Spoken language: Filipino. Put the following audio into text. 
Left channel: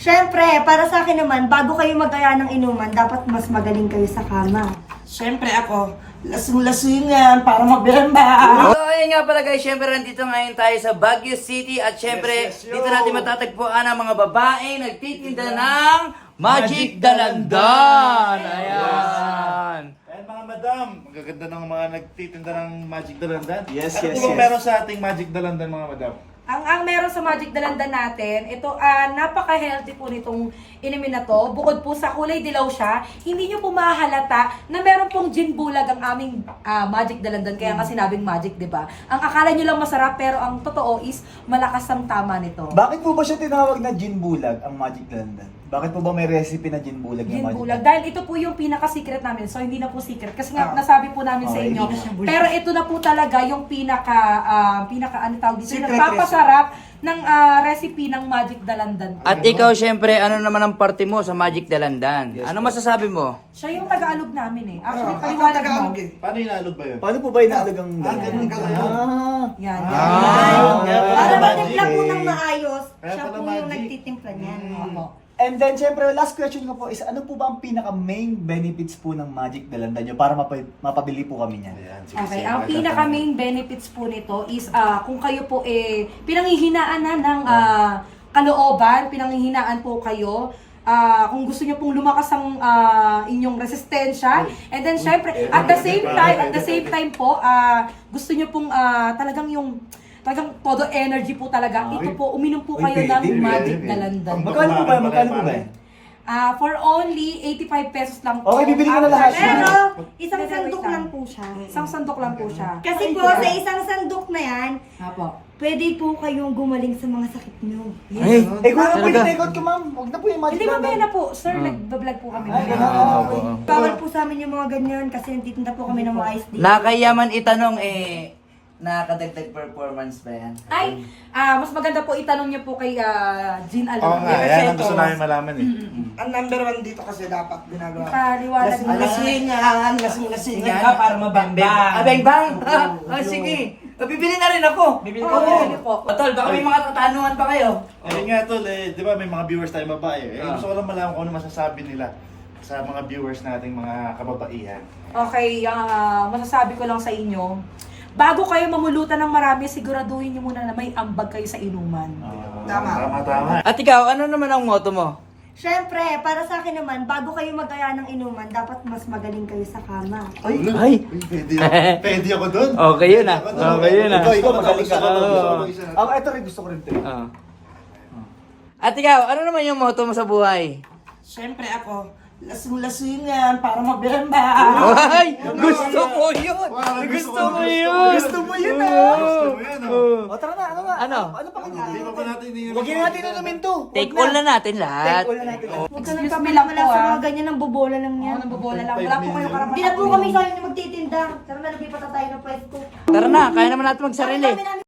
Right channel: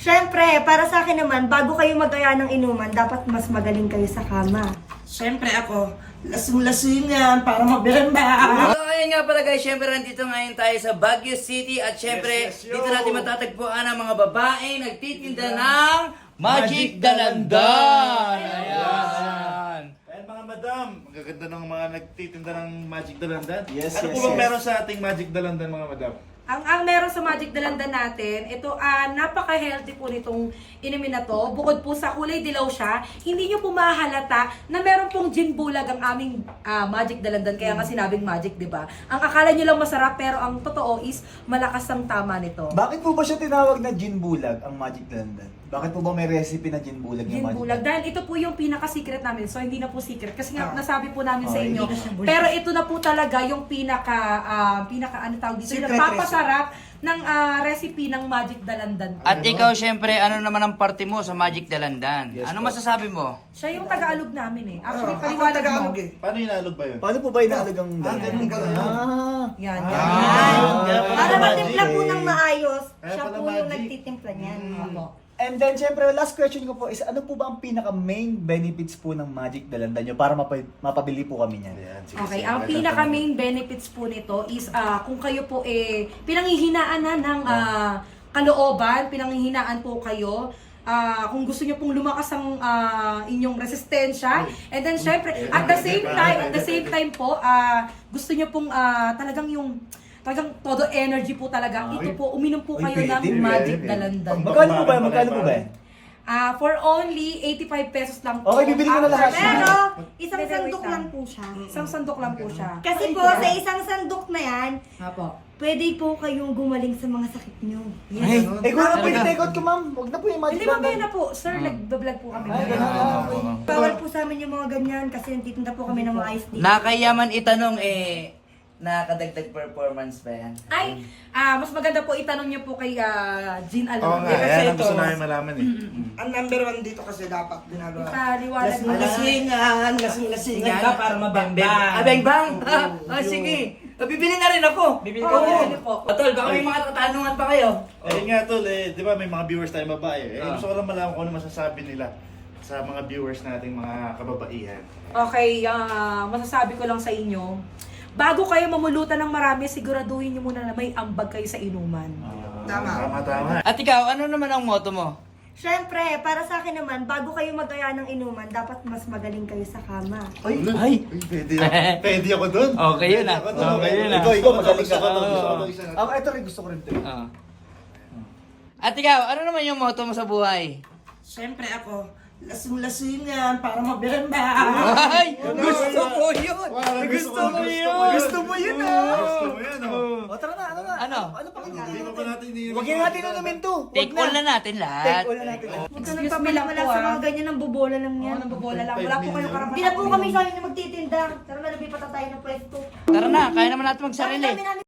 Siyempre, para sa akin naman, bago kayo mag-aya ng inuman, dapat mas magaling kayo sa kama. Siyempre ako, lasing-lasing yan para mabiranda. So ayun nga pala guys, syempre nandito ngayon tayo sa Baguio City at syempre dito natin matatagpuan ang mga babae nagtitinda ng Magic Dalandan. Ayan. And mga madam, magaganda ng mga nagtitinda ng Magic Dalandan. Yes, Ano yes, po bang yes. meron sa ating Magic Dalandan mga madam? Ang meron sa Magic Dalandan natin, ito napaka-healthy po nitong inumin na to. Bukod po sa kulay dilaw siya, hindi nyo po mahalata na meron pong gin bulag ang aming Magic Dalandan. Kaya nga sinabing magic, di ba? Ang akala nyo lang masarap, pero ang totoo is malakas ang tama nito. Bakit po ba siya tinawag na gin bulag, ang Magic Dalandan? Bakit po ba may recipe na gin bulag Gin yung Magic bulag. Dalandan? Dahil ito po yung pinaka-secret namin. So, hindi na po secret. Kasi nga, nasabi po namin sa Okay. inyo. Pero ito na po talaga yung ano tawag dito, Secret nagpapasarap ng recipe ng Magic Dalandan. At ikaw syempre, ano naman ang party mo sa Magic Dalandan? Ano masasabi mo? Siya yung taga-alog namin eh. Actually, Ako paliwanag mo. tagalog eh. Paano inaalog ba yun? Paano po ba inaalog ang ganun ka lang. Yan, Para matimpla po ng maayos, Kaya siya pala po yung magic. nagtitimpla niyan. And then, syempre, last question ko po is, ano po ba ang pinaka-main benefits po ng Magic Dalandan nyo para mapabili po kami niyan? Ayan, sige, Okay, sige, ang magandang pinaka main benefits po nito is kung kayo po pinanghihinaan na ng kalooban, pinanghihinaan po kayo, kung gusto niyo pong lumakas ang inyong resistensya, and then syempre at the same time po gusto niyo pong talagang todo energy po talaga. Ito po, uminom po kayo ng Magic Dalandan. Magkano po ba yan? Magkano po ba yan? For only 85 pesos lang po. Okay, bibili ko na lahat. Pero, isang Wait sandok lang. lang po siya. Isang sandok lang po siya. Kasi po, sa isang sandok na yan, Apo. pwede po kayong gumaling sa mga sakit nyo. Ay, Eh, kung ano po yung take out ko, ma'am? Huwag na po yung Magic Hindi mamaya Dalandan. na po, sir, nagbablog po kami. Ay, ganun. Bawal po sa amin yung mga ganyan kasi nagtitinda po kami ng mga ice tea. Nakayaman itanong nakadagdag performance ba yan? Ay, mas maganda po itanong niyo po kay Jean Oo Alonso. nga, Kasi yan ang ito- gusto namin malaman eh. Ang number one dito kasi dapat ginagawa. Paliwanag mo. Lasing-lasingan ka para mabambang. Bang! Sige. Bibili na rin ako. Bibili ka rin ako. Tol, baka may mga tatanungan pa kayo. Eh nga tol, di ba may mga viewers tayong babae? Gusto ko lang malaman kung ano masasabi nila sa mga viewers nating mga kababaihan. Okay, masasabi ko lang sa inyo, bago kayo mamulutan ng marami, siguraduhin niyo muna na may ambag kayo sa inuman. Tama. Tama. At ikaw, ano naman ang motto mo? Siyempre, para sa akin naman, bago kayo mag-aya ng inuman, dapat mas magaling kayo sa kama. Ay! Uy, pwede ako dun. Okay yun ah. Pwede ako dun. Okay yun ah. Ikaw, magaling ka. gusto ko dun, gusto ko dun, isa. Ito rin, gusto ko rin ito. At ikaw, ano naman yung motto mo sa buhay? Siyempre ako, lasing-lasing yan para mabiranda. Ay! Gusto ko yun! Gusto mo yun! Gusto mo yun, ah! Gusto mo yan, oh. O, tara na, ano nga? Ano? Ano pa kanya? Hindi pa natin Huwag na natin inumin to. Take all na natin lahat. Take all na natin. Huwag ka Excuse nang me lang papaniwala po, sa ah. mga ganyan, ng bobola lang yan. Ano, nababola lang. Wala po kayo karapatan. Hindi na po kami sa inyo magtitinda. Tara na, lumipat na tayo ng pwesto. Tara na, kaya naman natin magsarili. Kami namin